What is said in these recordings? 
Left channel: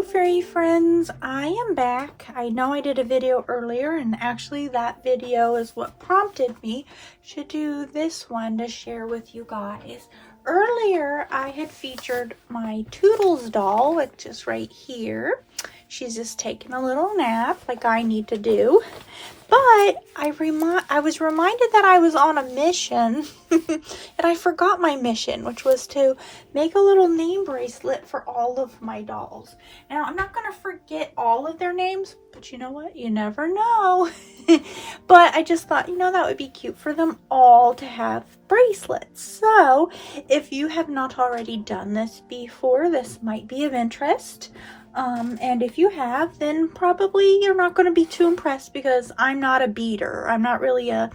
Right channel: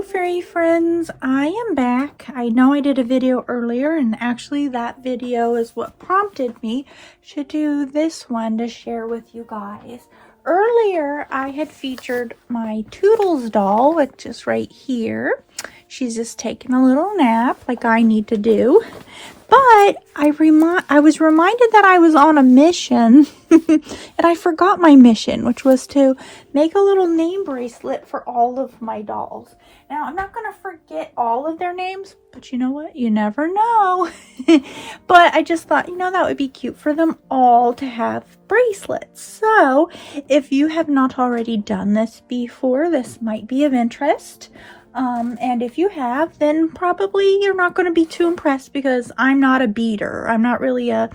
Hello fairy friends, I am back. I know I did a video earlier, and actually that video is what prompted me to do this one to share with you guys. Earlier I had featured my Toodles doll, which is right here. She's just taking a little nap like I need to do. But I was reminded that I was on a mission and I forgot my mission, which was to make a little name bracelet for all of my dolls. Now, I'm not going to forget all of their names, but you know what? You never know. But I just thought, that would be cute for them all to have bracelets. So, if you have not already done this before, this might be of interest. And if you have, then probably you're not going to be too impressed because I'm not a beader. I'm not really a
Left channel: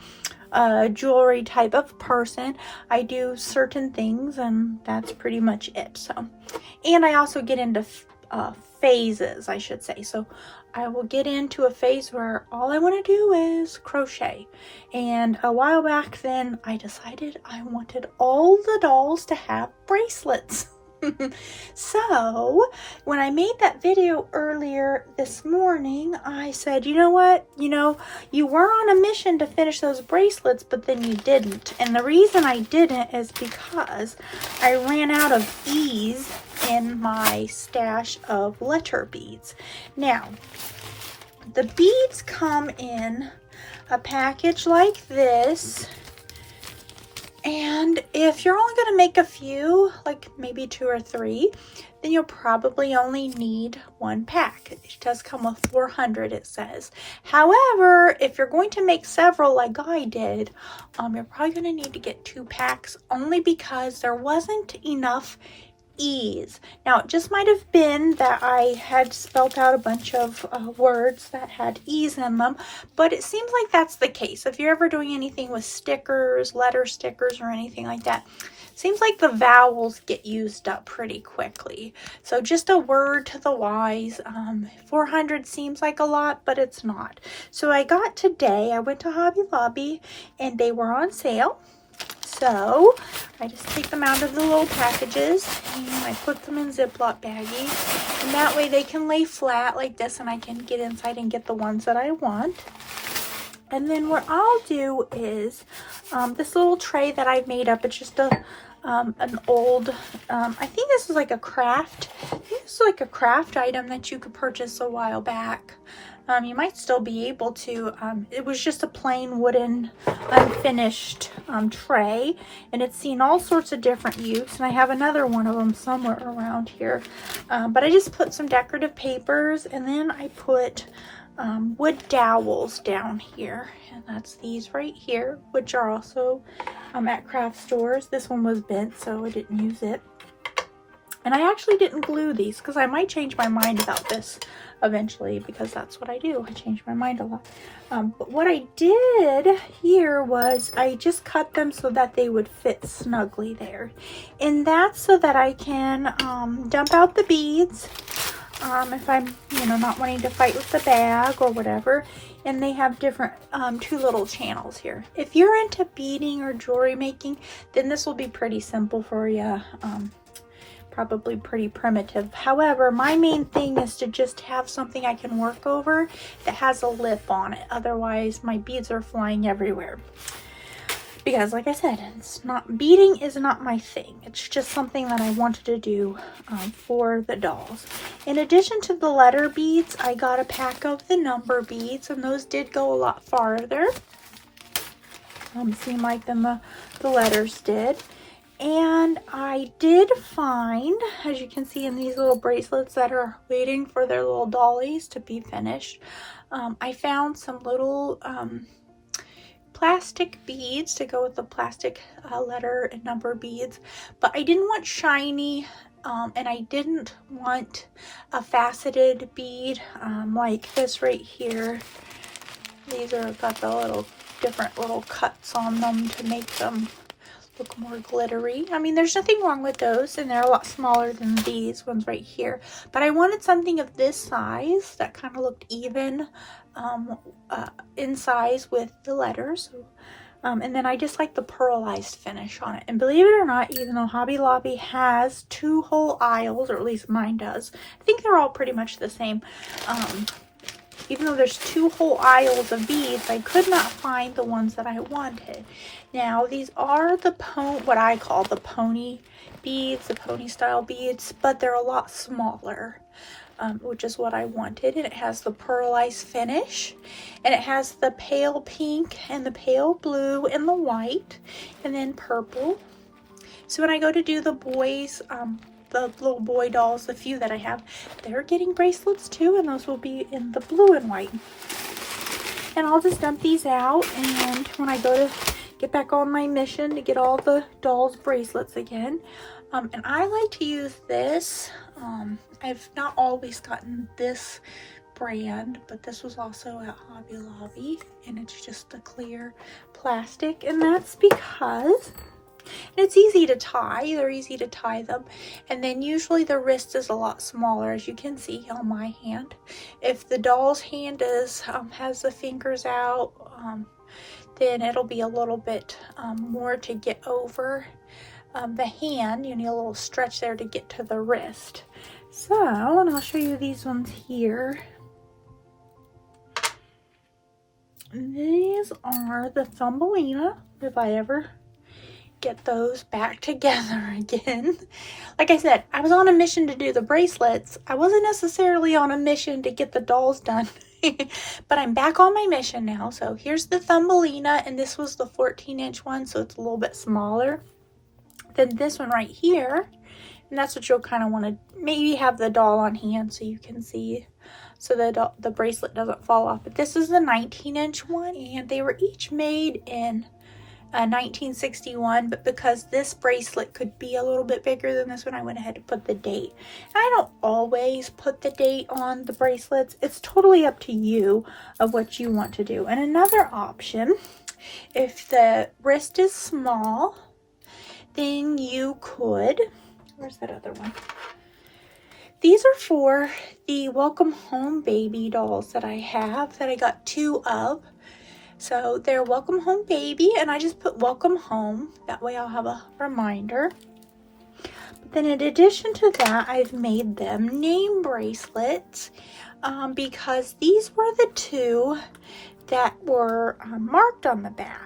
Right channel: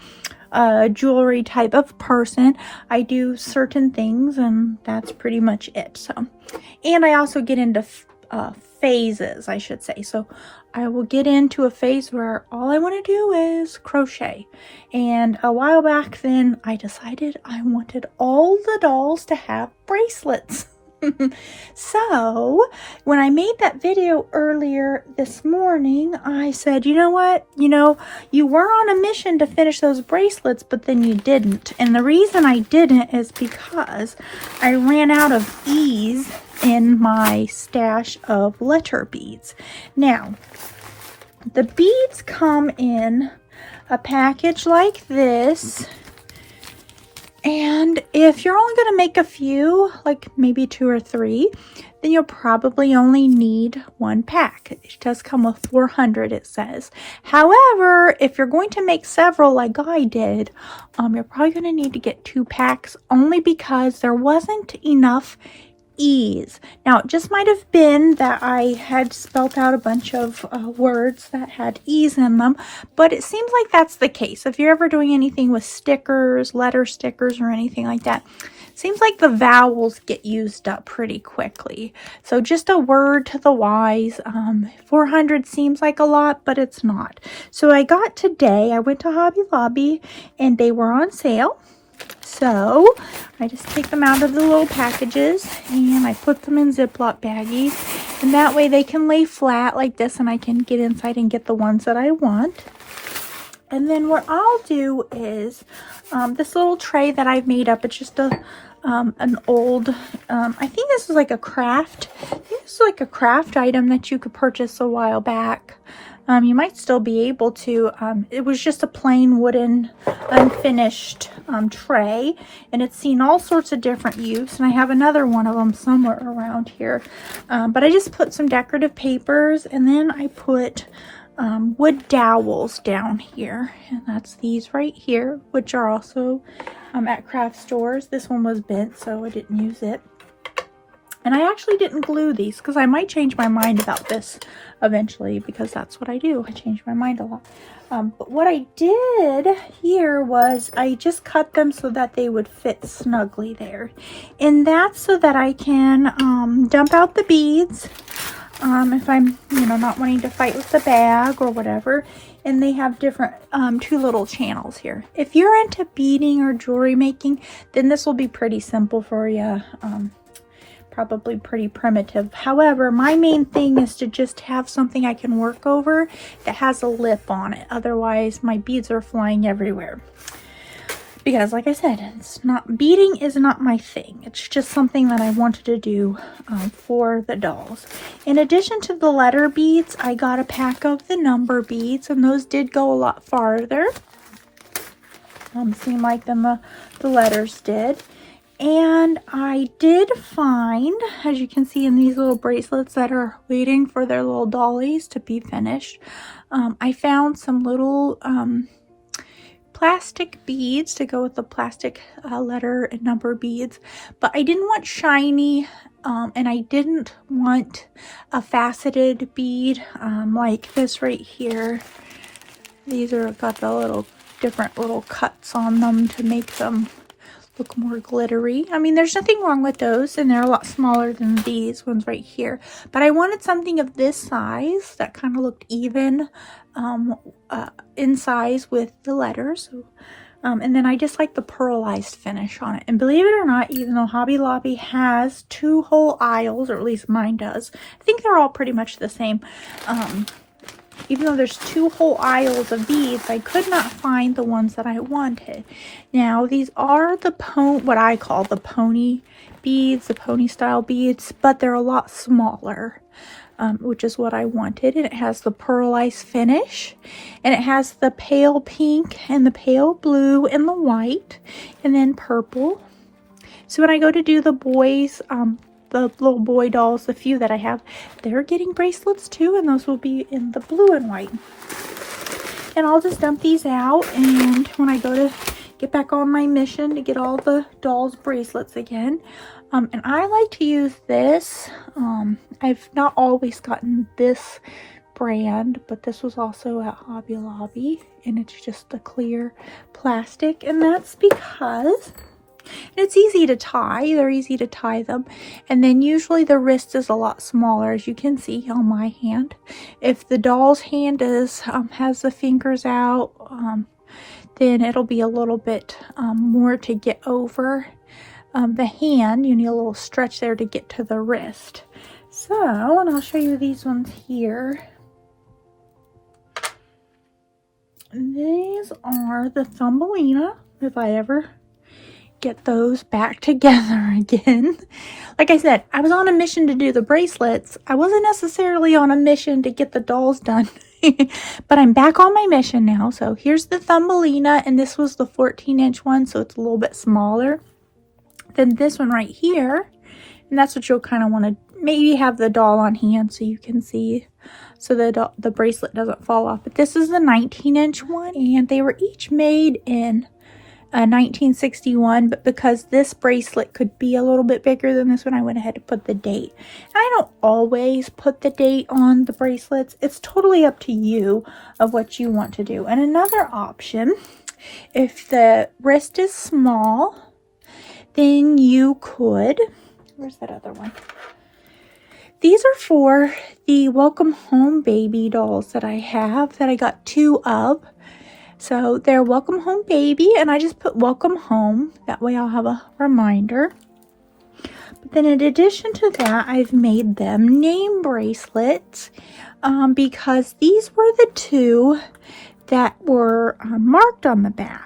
jewelry type of person. I do certain things and that's pretty much it. So, and I also get into phases, I should say. So I will get into a phase where all I want to do is crochet. And a while back then I decided I wanted all the dolls to have bracelets. So when I made that video earlier this morning, I said, you know what, you were on a mission to finish those bracelets, but then you didn't. And the reason I didn't is because I ran out of ease in my stash of letter beads. Now, the beads come in a package like this. And if you're only going to make a few, like maybe 2 or 3, then you'll probably only need 1 pack. It does come with 400, it says. However, if you're going to make several like I did, you're probably going to need to get 2 packs only because there wasn't enough ease. Now, it just might have been that I had spelt out a bunch of words that had ease in them, but it seems like that's the case. If you're ever doing anything with stickers, letter stickers, or anything like that, it seems like the vowels get used up pretty quickly. So just a word to the wise. 400 seems like a lot, but it's not. So I went to Hobby Lobby and they were on sale. So I just take them out of the little packages and I put them in Ziploc baggies, and that way they can lay flat like this and I can get inside and get the ones that I want. And then what I'll do is this little tray that I've made up, it's just an old, I think this is like a craft. I think this is like a craft item that you could purchase a while back. You might still be able to. It was just a plain wooden unfinished tray, and it's seen all sorts of different use, and I have another one of them somewhere around here. But I just put some decorative papers, and then I put wood dowels down here, and that's these right here, which are also at craft stores. This one was bent, so I didn't use it. And I actually didn't glue these because I might change my mind about this eventually, because that's what I do. I change my mind a lot. But what I did here was I just cut them so that they would fit snugly there. And that's so that I can dump out the beads if I'm, not wanting to fight with the bag or whatever. And they have different 2 little channels here. If you're into beading or jewelry making, then this will be pretty simple for you. Probably pretty primitive. However, my main thing is to just have something I can work over that has a lip on it. Otherwise, my beads are flying everywhere. Because like I said, beading is not my thing. It's just something that I wanted to do for the dolls. In addition to the letter beads, I got a pack of the number beads, and those did go a lot farther. Seemed like than the letters did. And I did find, as you can see in these little bracelets that are waiting for their little dollies to be finished, I found some little plastic beads to go with the plastic letter and number beads. But I didn't want shiny, and I didn't want a faceted bead like this right here. These are got the little different little cuts on them to make them look more glittery. I mean, there's nothing wrong with those, and they're a lot smaller than these ones right here. But I wanted something of this size that kind of looked even in size with the letters. So And then I just like the pearlized finish on it. And believe it or not, even though Hobby Lobby has 2 whole aisles, or at least mine does, I think they're all pretty much the same. Even though there's 2 whole aisles of beads, I could not find the ones that I wanted. Now, these are the what I call the pony beads, the pony style beads, but they're a lot smaller. Which is what I wanted, and it has the pearlized finish, and it has the pale pink and the pale blue and the white, and then purple. So when I go to do the boys, the little boy dolls, the few that I have, they're getting bracelets too, and those will be in the blue and white. And I'll just dump these out, and when I go to get back on my mission to get all the dolls bracelets again, and I like to use this. I've not always gotten this brand, but this was also at Hobby Lobby, and it's just a clear plastic, and that's because it's easy to tie. They're easy to tie them, and then usually the wrist is a lot smaller, as you can see on my hand. If the doll's hand is has the fingers out, then it'll be a little bit more to get over. The hand, you need a little stretch there to get to the wrist. So, and I'll show you these ones here. These are the Thumbelina, if I ever get those back together again. Like I said, I was on a mission to do the bracelets. I wasn't necessarily on a mission to get the dolls done. But I'm back on my mission now. So here's the Thumbelina, and this was the 14-inch one, so it's a little bit smaller than this one right here. And that's what you'll kind of want to maybe have the doll on hand so you can see, so the bracelet doesn't fall off. But this is the 19-inch one, and they were each made in 1961, but because this bracelet could be a little bit bigger than this one, I went ahead to put the date. And I don't always put the date on the bracelets. It's totally up to you of what you want to do. And another option, if the wrist is small, then you could, where's that other one? These are for the Welcome Home baby dolls that I have, that I got 2 of. So they're Welcome Home baby, and I just put Welcome Home. That way I'll have a reminder. But then in addition to that, I've made them name bracelets because these were the 2 that were marked on the back.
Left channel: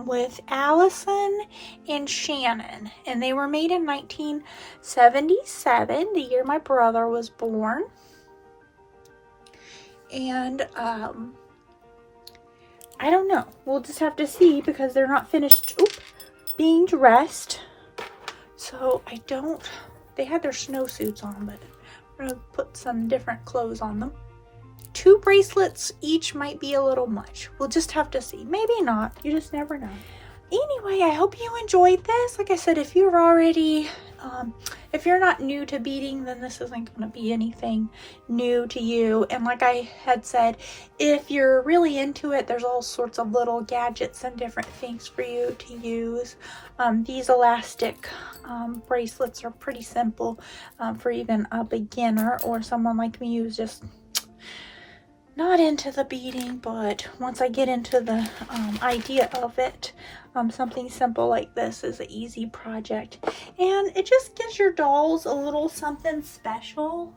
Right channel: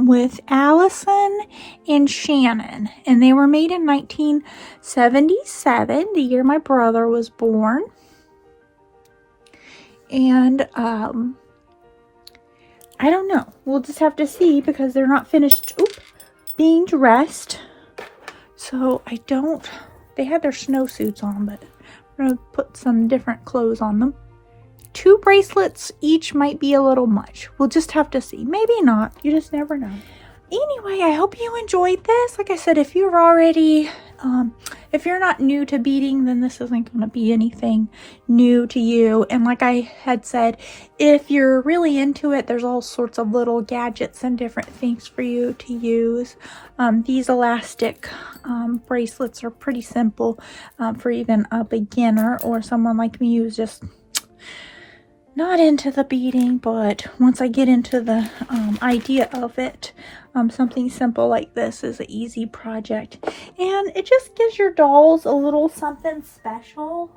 With Allison and Shannon, and they were made in 1977, the year my brother was born. And I don't know, we'll just have to see because they're not finished being dressed. So they had their snowsuits on, but I'm gonna put some different clothes on them. 2 bracelets each might be a little much. We'll just have to see. Maybe not. You just never know. Anyway, I hope you enjoyed this. Like I said, if you're already, if you're not new to beading, then this isn't going to be anything new to you. And like I had said, if you're really into it, there's all sorts of little gadgets and different things for you to use. These elastic bracelets are pretty simple for even a beginner or someone like me who's just not into the beading, but once I get into the idea of it, something simple like this is an easy project, and it just gives your dolls a little something special.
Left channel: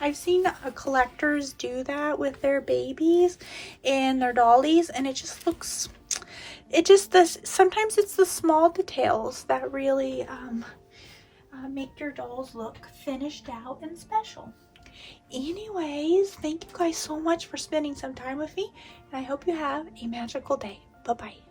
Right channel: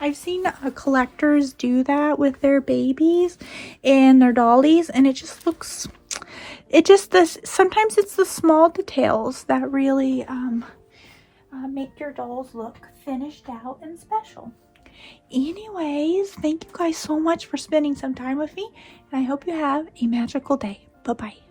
I've seen collectors do that with their babies and their dollies, and it just looks, sometimes it's the small details that really make your dolls look finished out and special. Anyways, thank you guys so much for spending some time with me, and I hope you have a magical day. Bye-bye.